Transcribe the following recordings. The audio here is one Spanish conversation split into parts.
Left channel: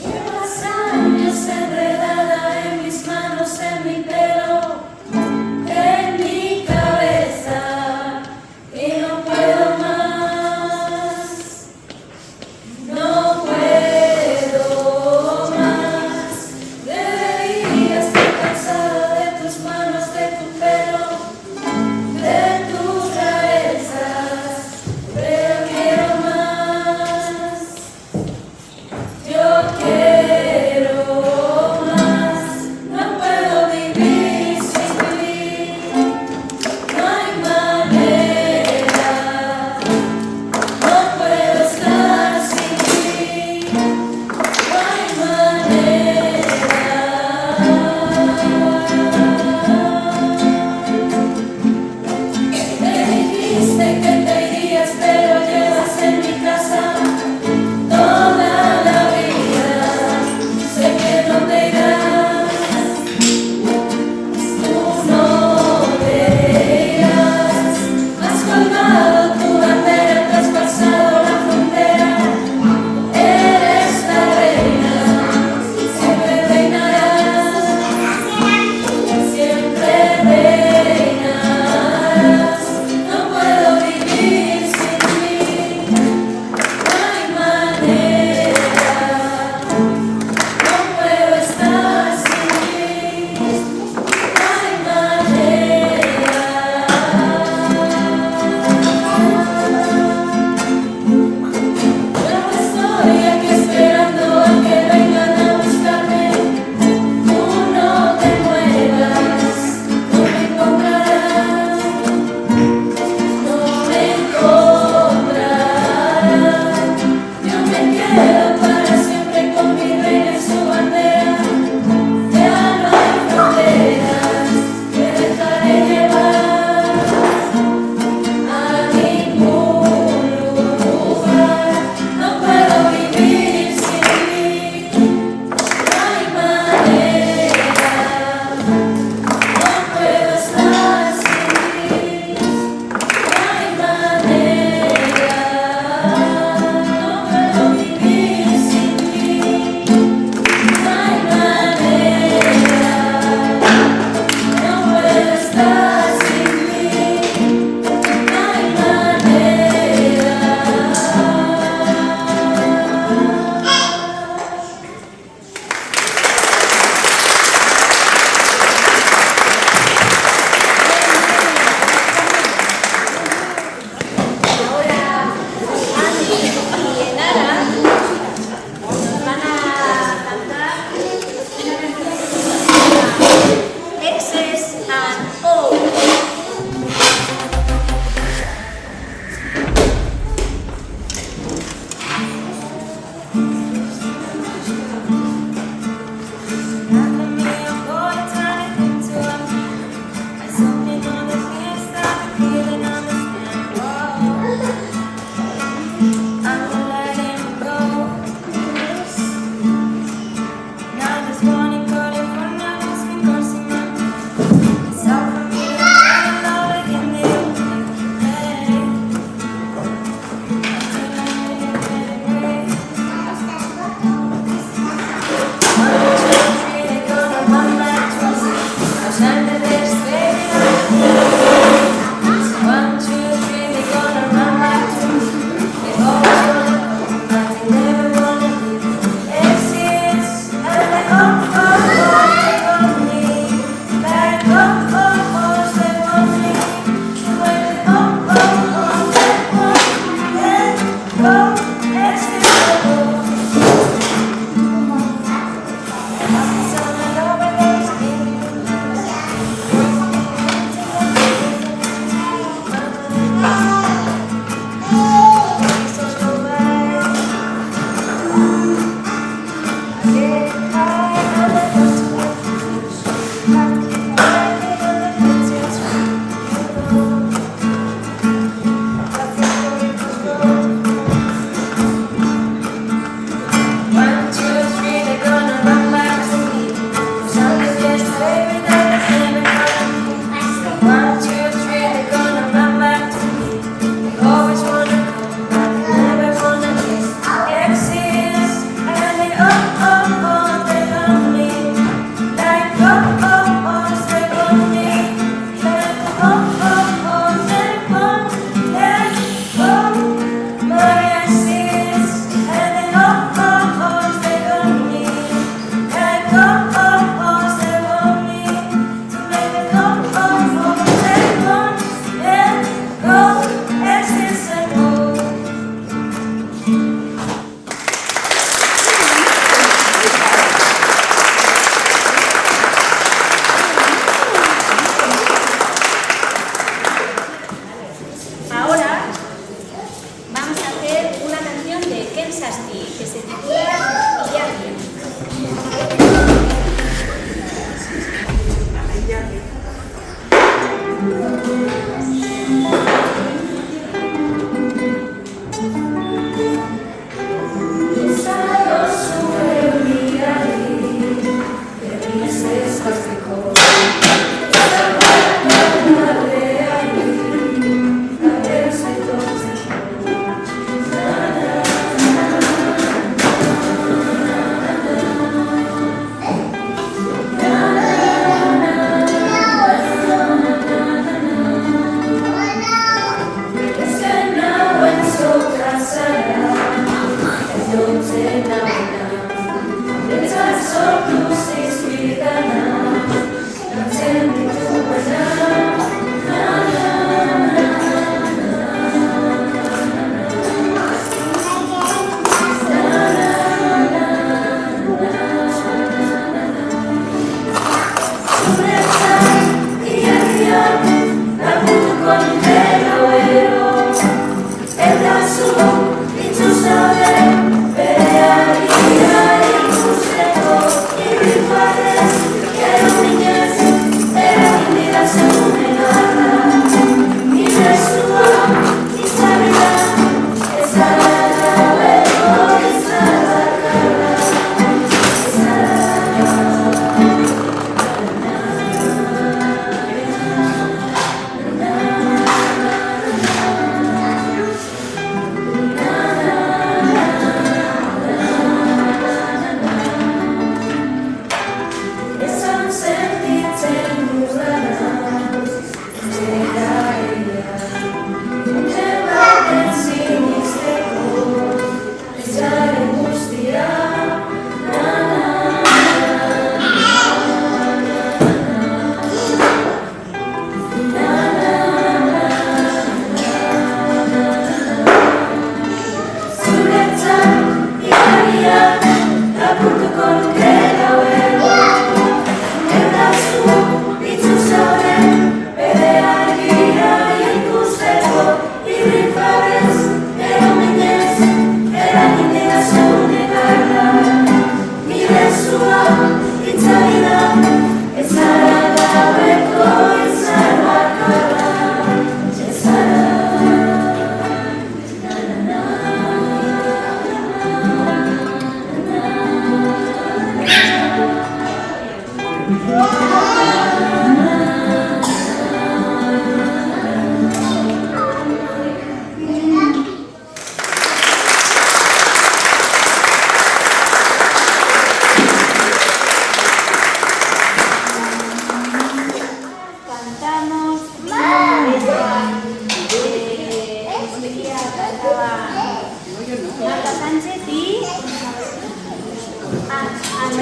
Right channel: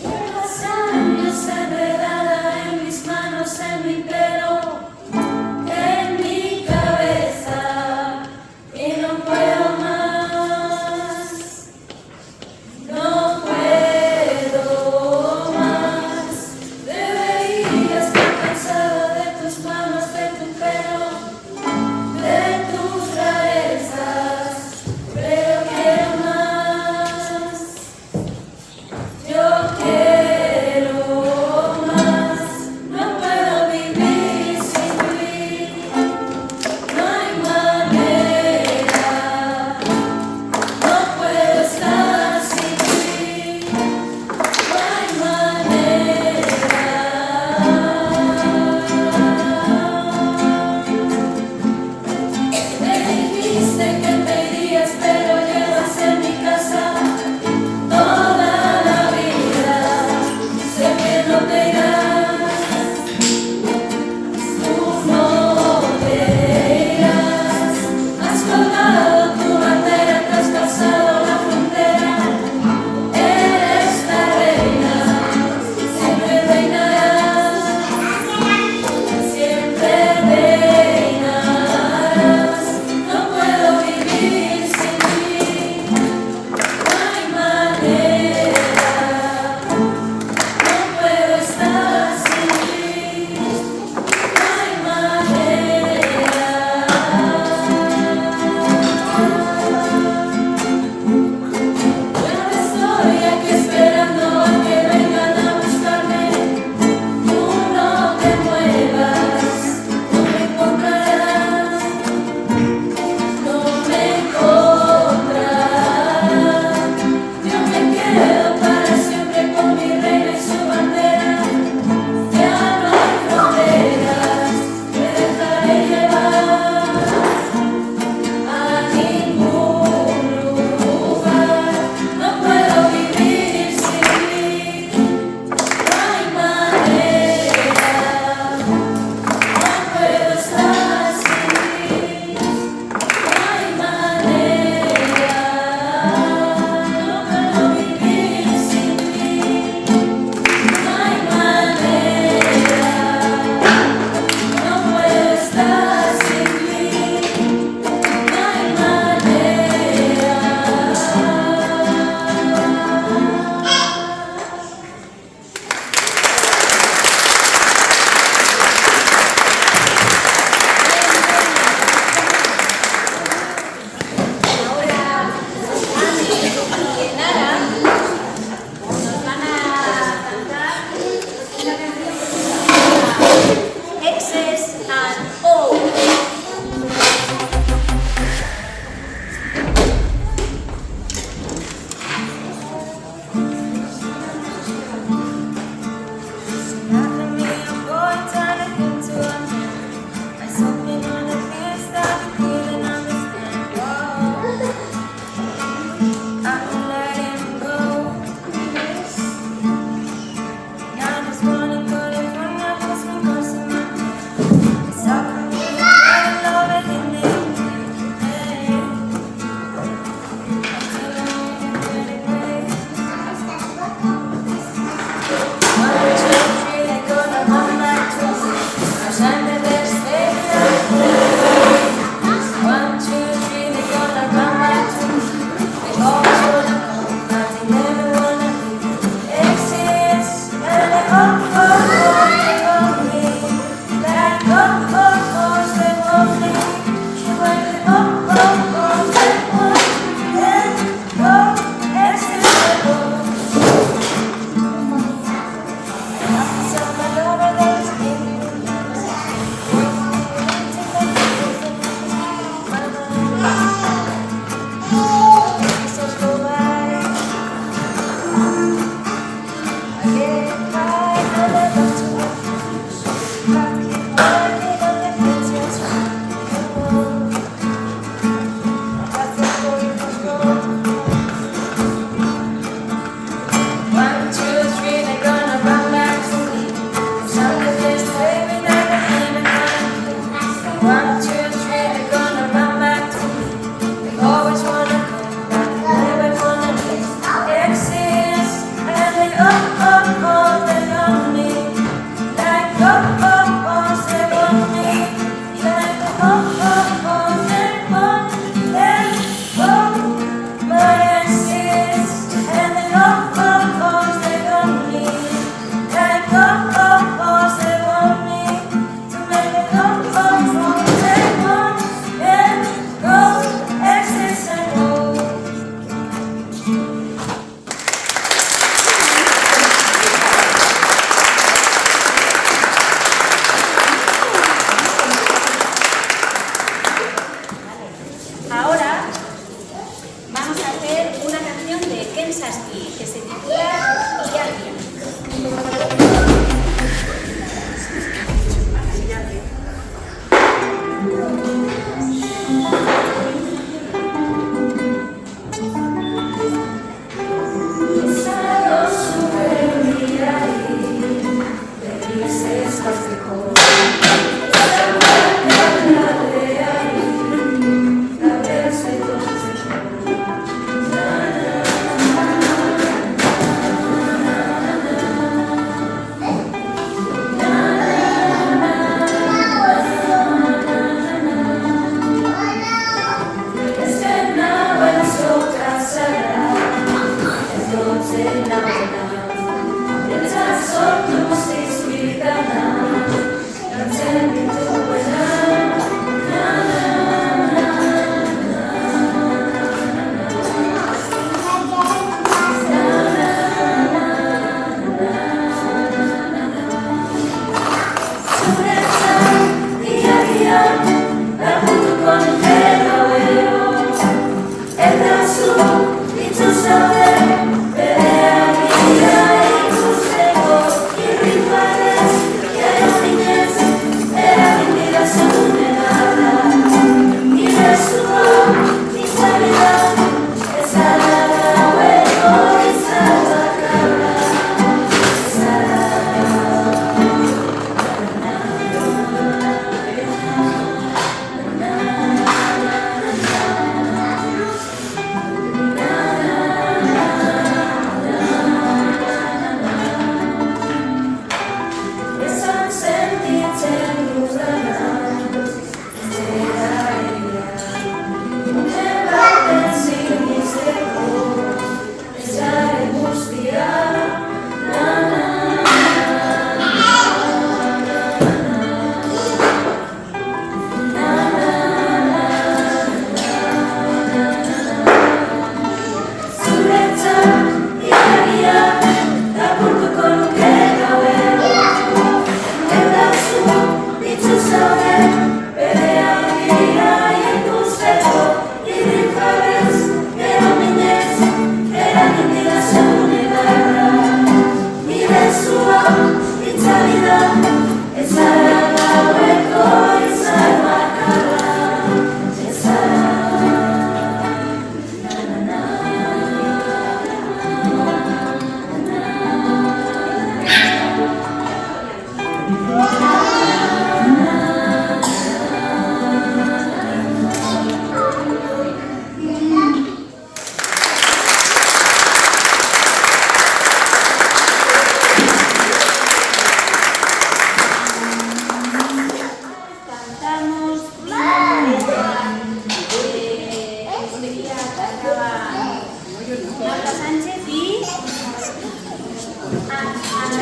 Llevas años enredada en mis manos, en mi pelo, en mi cabeza, y no puedo más, no puedo más. Deberías estar cansada de tus manos, de tu pelo, de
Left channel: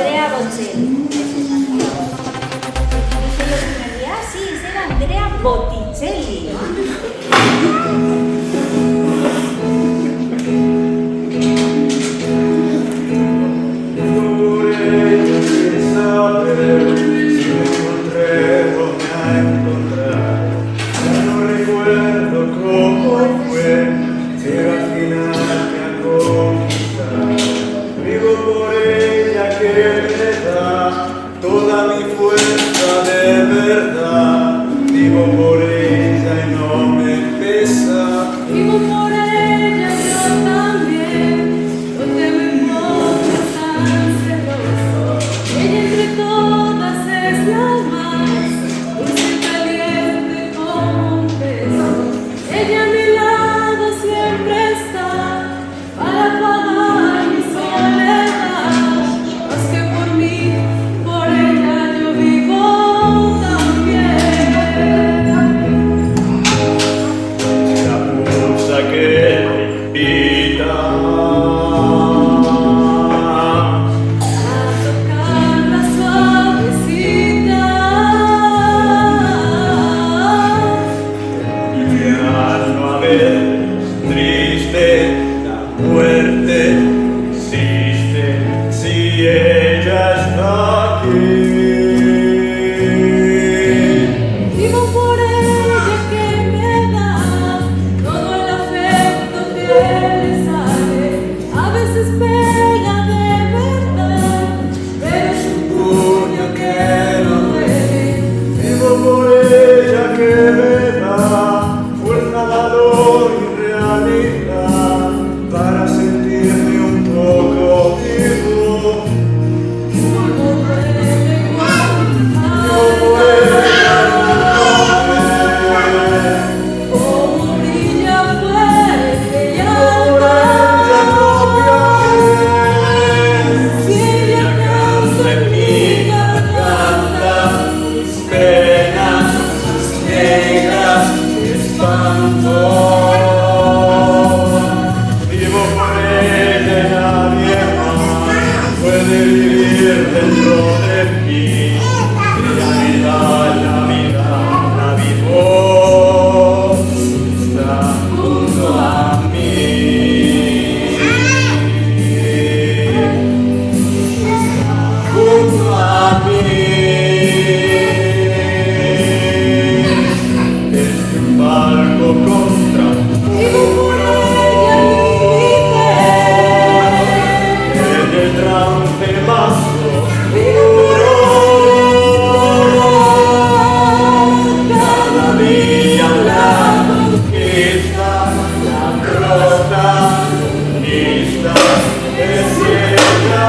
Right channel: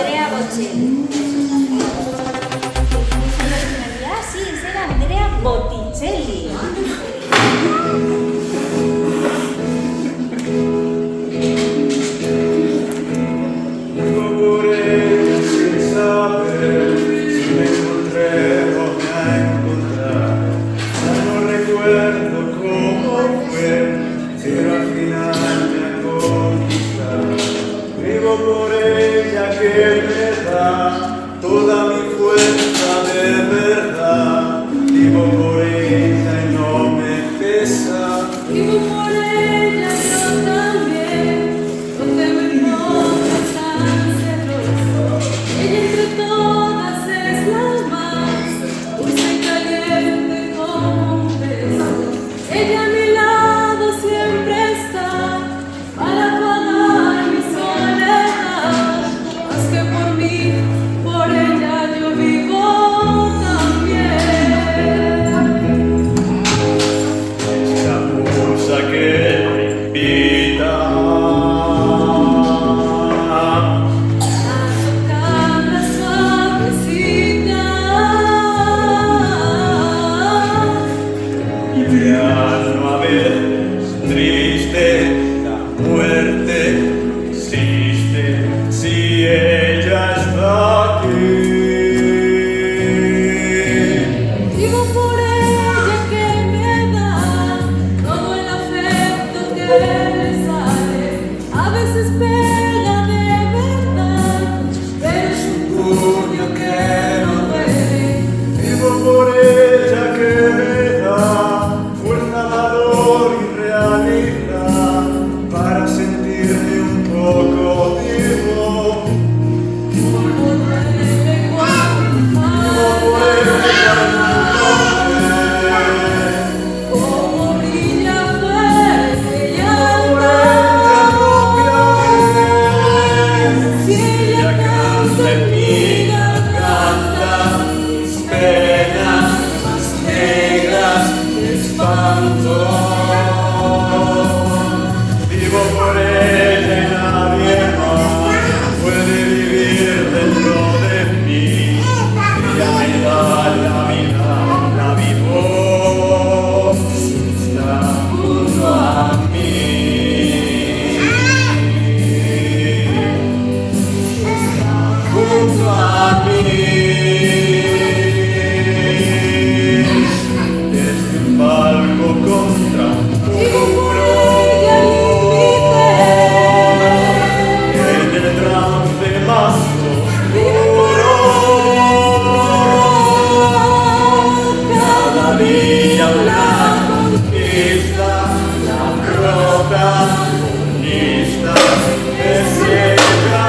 Andrea Bocelli. Dije yo el primer día, ah, sí, era Andrea Botticelli. Toda mi fuerza de verdad, vivo por ella y no me pesa. Vivo por ella yo también, no te me pongas tan celoso. Ella entre todas es la más dulce y caliente como un beso. Ella a mi lado siempre está para apagar mi soledad. Más que por mí, por ella yo vivo también. La musa que invita A tocarla suavecita. y al no haber triste la muerte existe si ella está aquí. Vivo por ella que me da todo el afecto que le sale. A veces pega de verdad, pero es un puño que no duele. Vivo por ella que me da fuerza, valor y realidad para sentirme un poco vivo. Como duele igual, Por ella como brilla fuerte y alta. Si ella canta en mi garganta, mis penas más negras que espanto. Vivo por ella y nadie más puede vivir dentro de mí. Ella me da una vivo, está junto a mí. Junto a mí. Desde el palco contra un vivo por ella y mi en el trance más vida. cada día la conquista, la protagonista es ella.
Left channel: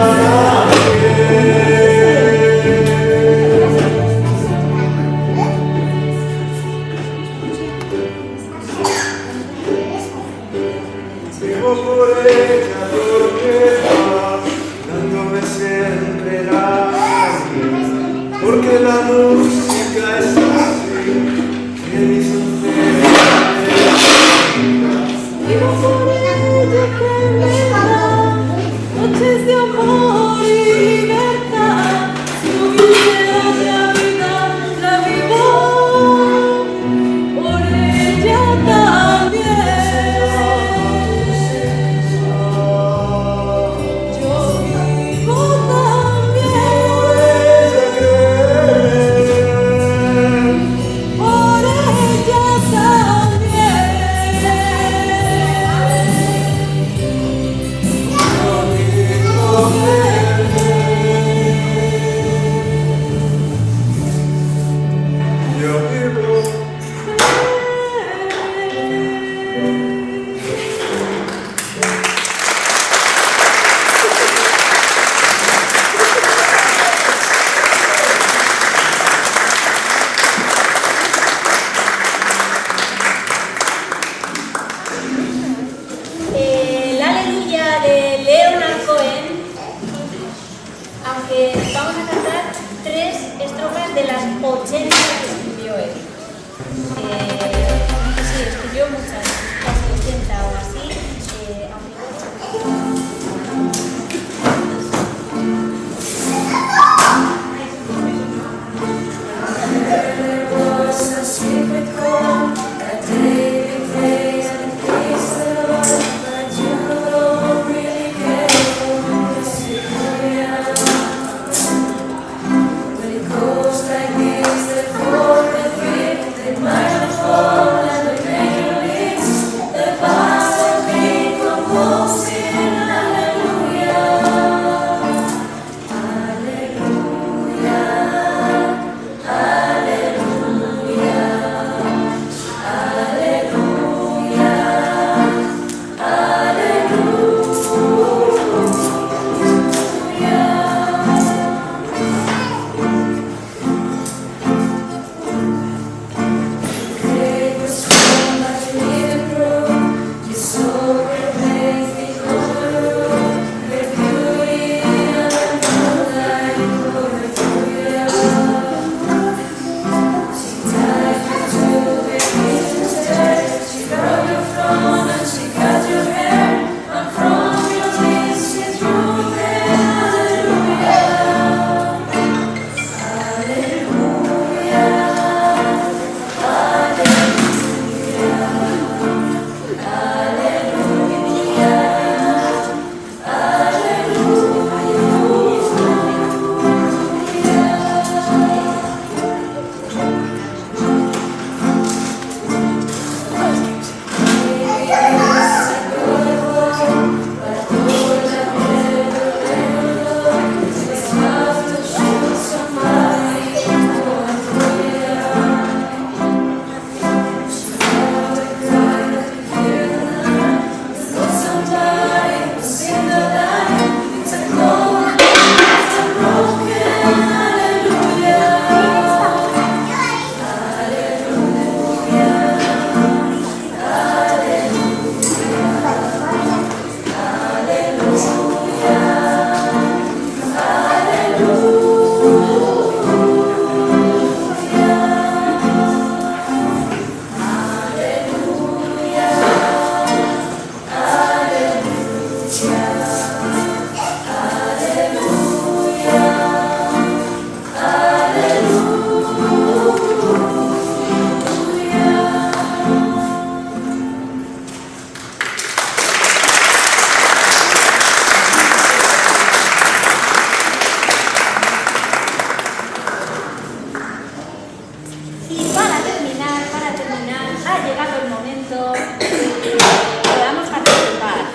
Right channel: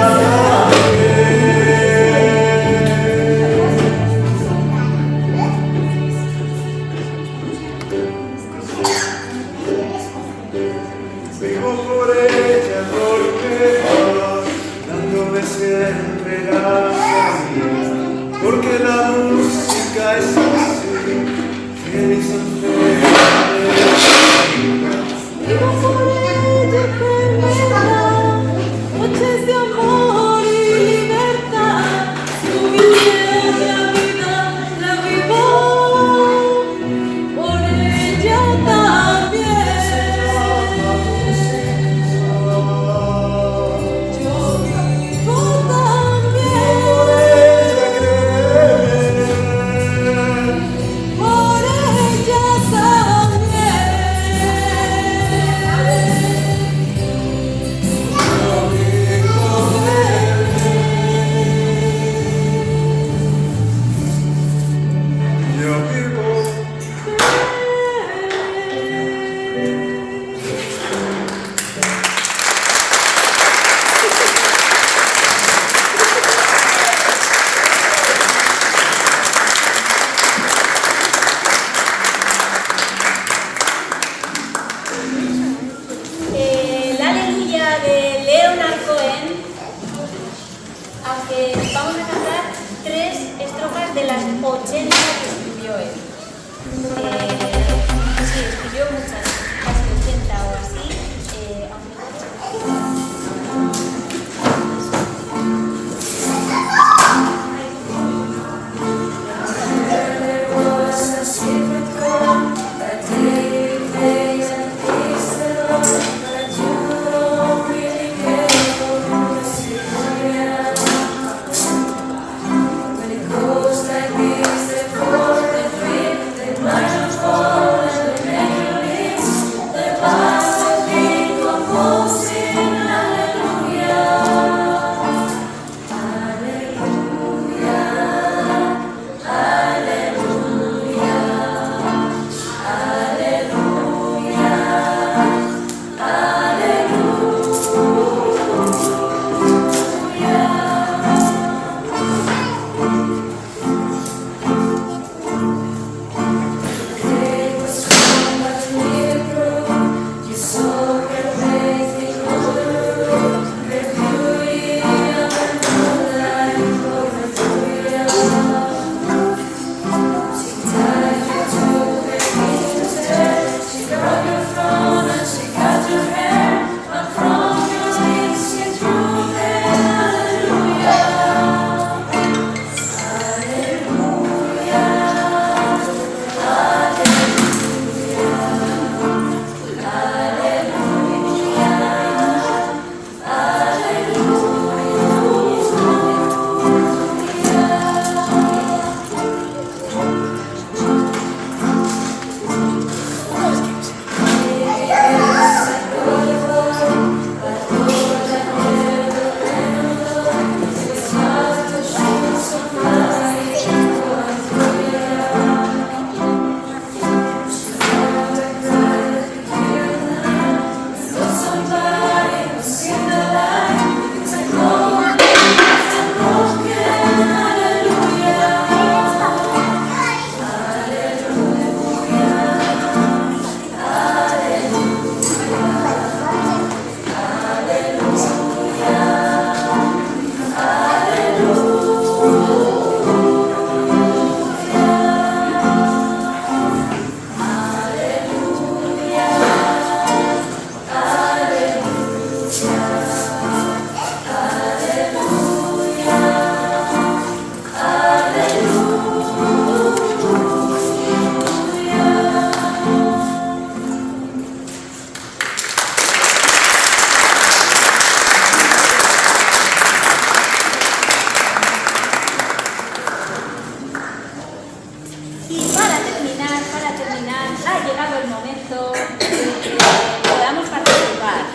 llegado el momento de que podamos participar,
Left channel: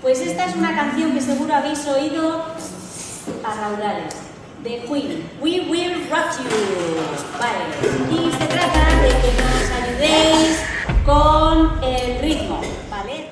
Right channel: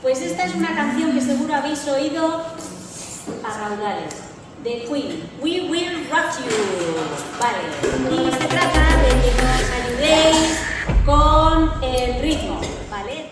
Pues esta es una canción que seguro habéis oído a raudales, de Queen, We Will Rock You. Vale, y se trata de que nos ayudéis con el ritmo, ¿vale?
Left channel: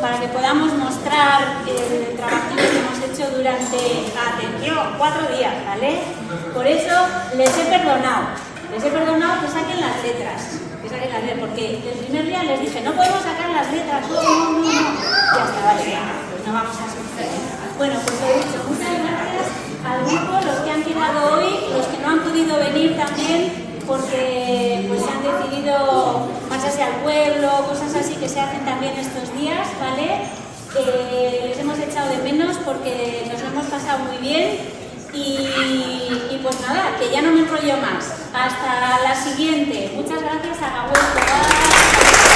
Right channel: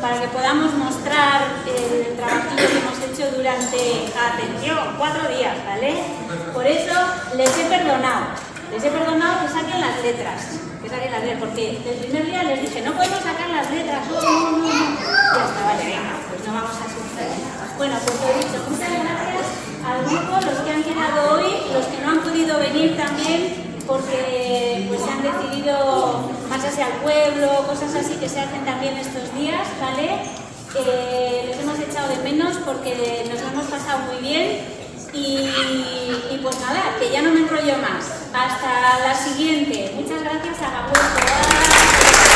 Para que podamos mostrar el trabajillo que hemos hecho durante, atención, 4 días, ¿vale? Por eso les he perdonado que saquen las letras, porque el primer día les dije, no podemos sacar las letras, no, ya está, vale, pues no vamos a sufrir. Bueno, pues he dicho, muchas gracias al grupo, los que han quedado hoy, los que no han podido venir también, porque pues se han decidido marcharse al pueblo, cosas así que se hacen también estos días, ¿vale? Les hemos echado de menos porque nos lo hemos pasado muy bien y pues nada, que ya no me enrollo más. Hasta la siguiente. Muchas gracias a Gabriel.